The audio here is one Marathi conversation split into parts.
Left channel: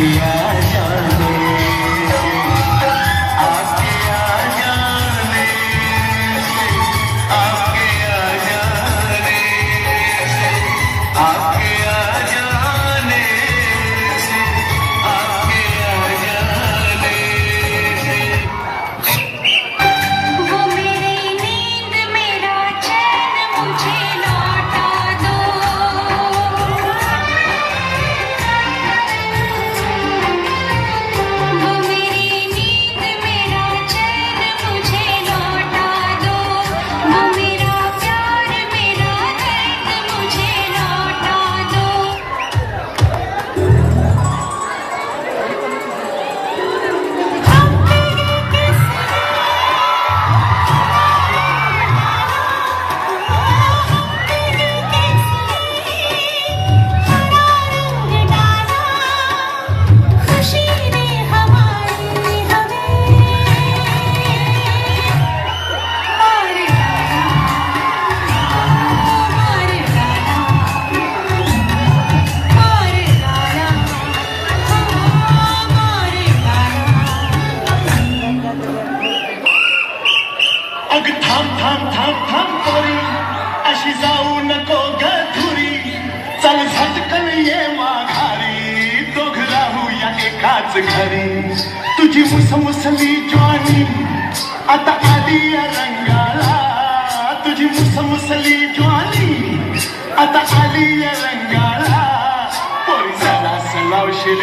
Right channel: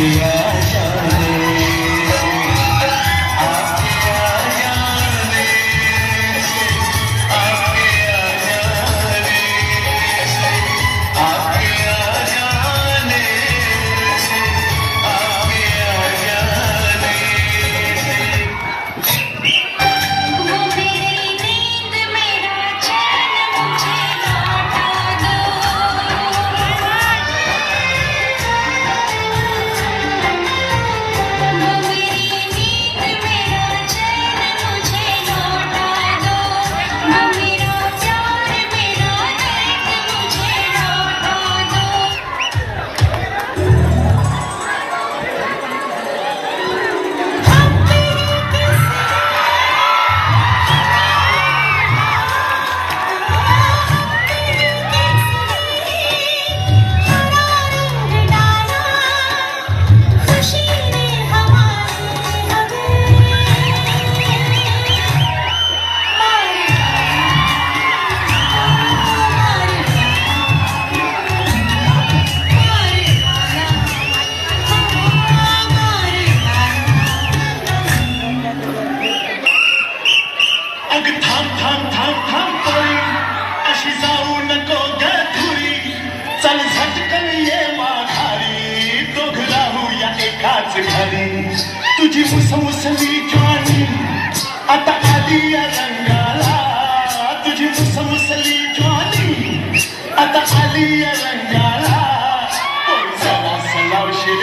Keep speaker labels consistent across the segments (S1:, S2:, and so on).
S1: Yeah. अग थांब थांब थांब थांब पोरी अशी जाऊ नको ग खुरी चल झटकन ये माघारी दोघ राहू या एकाच घरी. तुझी मुसमुसली जॉनी आता आली या रंगाला. तुझी मुसमुसली जॉनी आता आली या रंगाला. पोरी चला सलावशील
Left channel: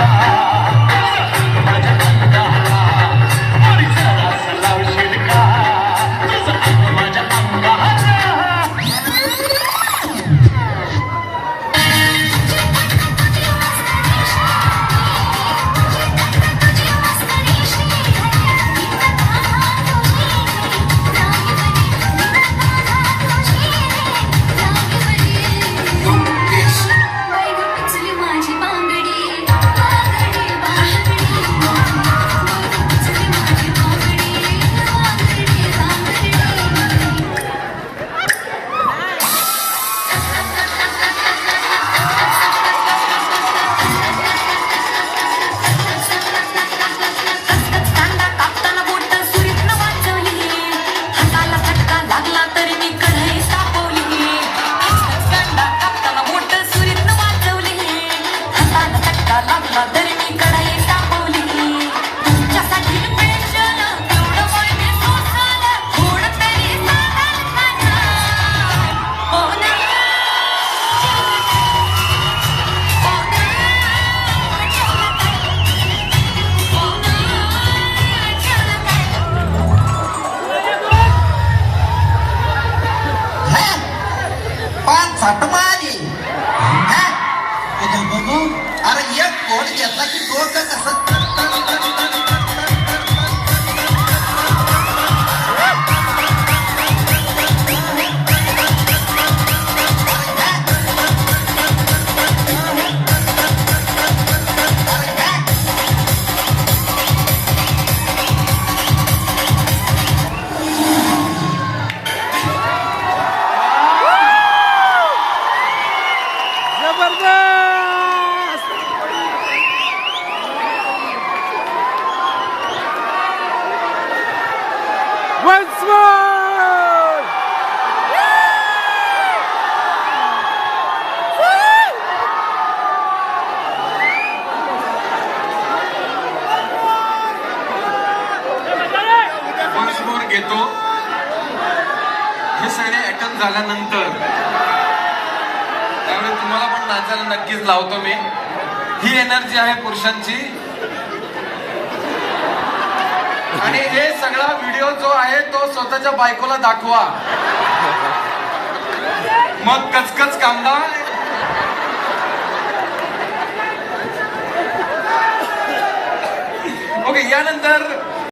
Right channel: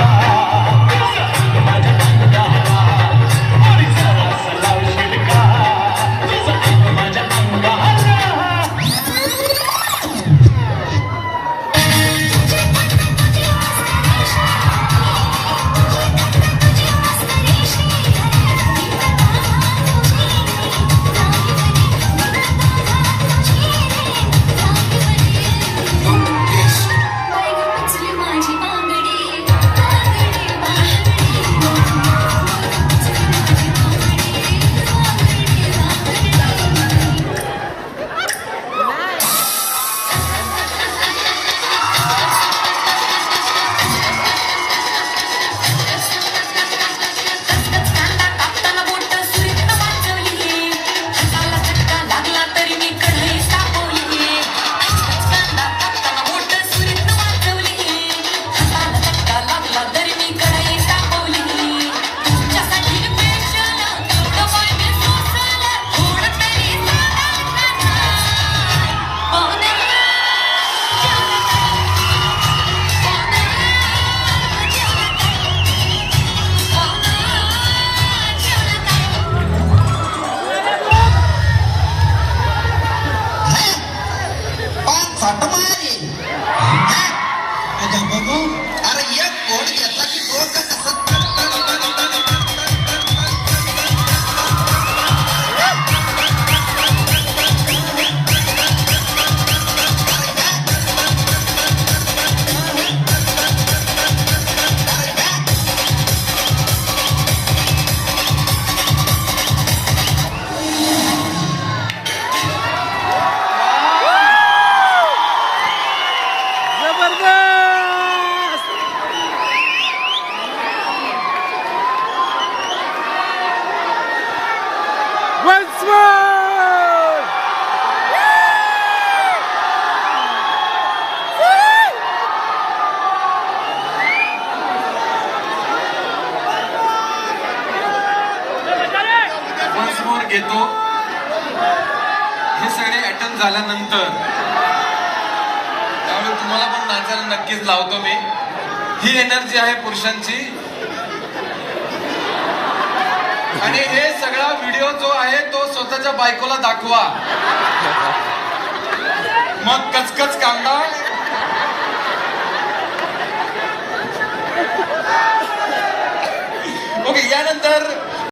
S1: सलावशील
S2: Agora de boca, tá
S3: Once more! घेतो. हे सगळे अटेंड झाल्यानंतर त्यावेळी तुम्हाला पण नाचायला नक्कीच लावतो मी. ही एनर्जी आहे पुरुषांची. आणि हे सगळा व्हिडिओ जो आहे तो स्वतःच्या बायकोला दाखवा. मग कचकच कांदा. ओके यानंतर